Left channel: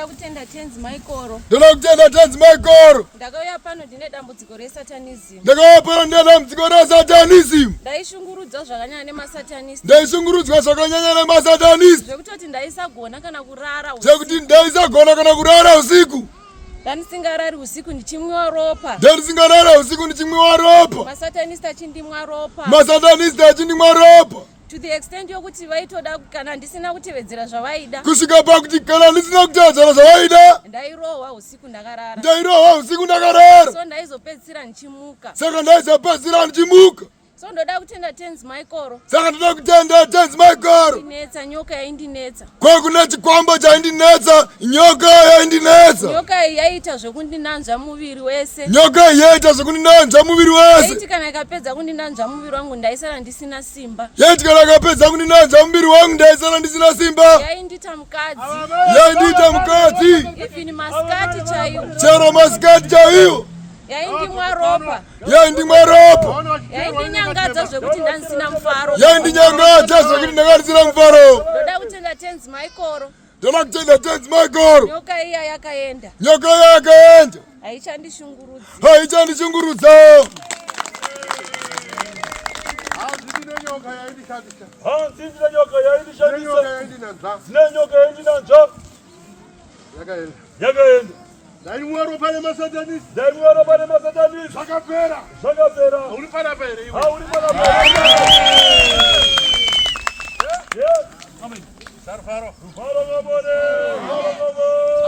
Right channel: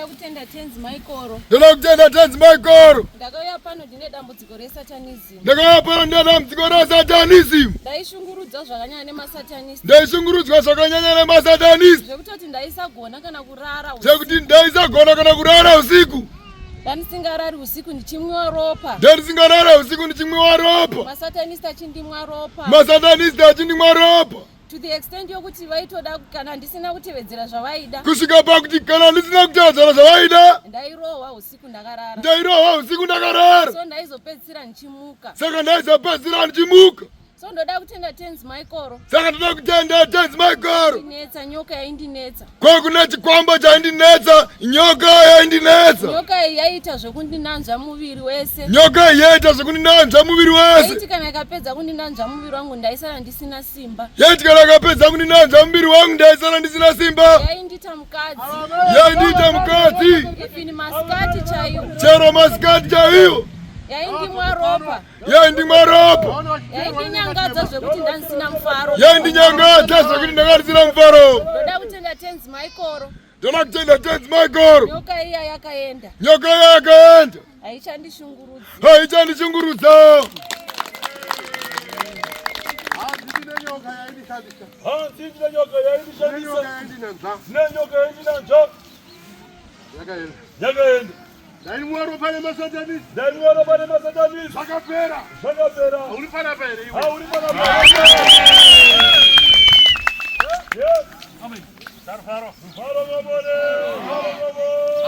Ndoda kutenda Tenzi Michael. Ndoda kutenda Tenzi Michael. Ndakauya pano ndine dambudziko resatanism. Ndakauya pano ndine dambudziko resatanism. Ndaishungurudzwa zvakanyanya nemasatanism. Ndaishungurudzwa zvakanyanya nemasatanism. Zvekutoti ndaisagona kana kurara usiku. Zvekuti ndaisagona kana kurara usiku. Ndanisingarari usiku ndichimwiwa ropa. Ndanisingarara usiku ndichimwiwa ropa. Masatanista achindimwa ropa. Masatanista achindimwa ropa. To the extent yokuti vaitoda kana ndisina kutevedzera zvavaida. Kusvika pakuti kana ndisina kutevedzera zvavaida. Ndairohwa usiku ndakarara. Ndairohwa usiku ndakarara. So ndaizopedzisira ndichimuka. Saka ndaizopedzisira ndichimuka. So ndoda kutenda Tenzi Michael. Saka ndoda kutenda Tenzi Michael. Ndinetsa nyoka yaindinetsa. Kwa kuna chikwambo chaindinetsa, nyoka yaindinetsa. Nyoka iyi yaita zvekundinanzva muviri wese. Nyoka iyi yaita zvekundinanzva muviri wese. Yaiti kana ikapedza kundinanzva muviri wangu ndaisara ndisina simba. Yaiti kana ikapedza kundinanzva muviri wangu ndaisara ndisina simba. Yaindita mukadzi. Yaindita mukadzi. Even masikati chaiwo. Chero masikati chaiwo. Yaindimwa ropa. Yaindimwa ropa. Yaindinyangadza zvekuti ndaisina mufaro. Yaindinyangadza zvekuti ndakasina mufaro. Ndoda kutenda Tenzi Michael. Ndoda kutenda Tenzi Michael. Nyoka iya yakaenda. Nyoka iya yakaenda. Haichandishungurudza. Haichandishungurudza. Ndine nyoka yaindishandisa. Ndine nyoka yaindishandisa. Ndine nyoka yaindinanzva. Yakaenda. Ndaimwa ropa nemasatanisi. Ndaimwa ropa nemasatanisi. Zvakapera. Zvakapera. Uri pana pere iwe. Uri pana pere. Amen. Rufaro ngabone. Rufaro ngabone.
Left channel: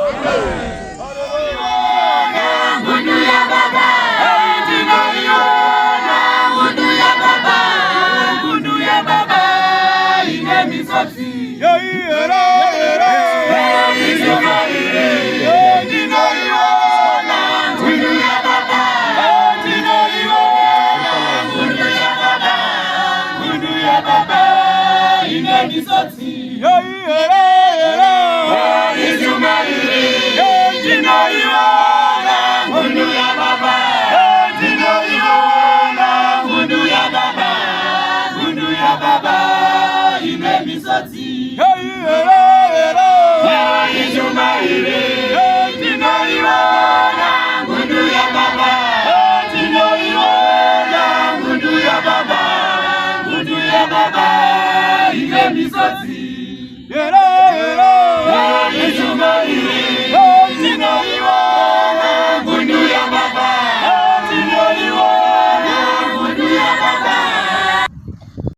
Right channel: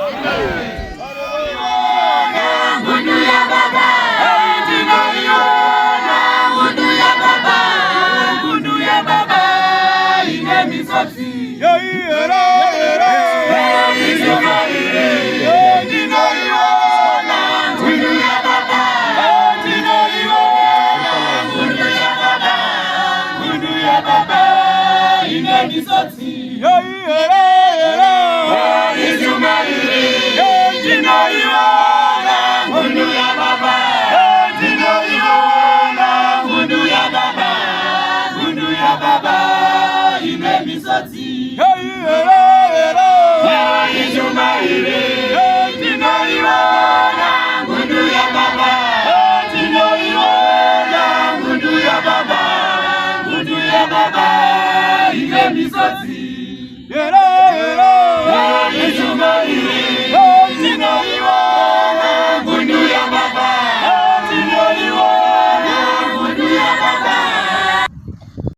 Mundu ya baba. Ndinoiona. Mundu ya baba. Mundu ya baba. Ine misozi. Era. Baba, ine misozi.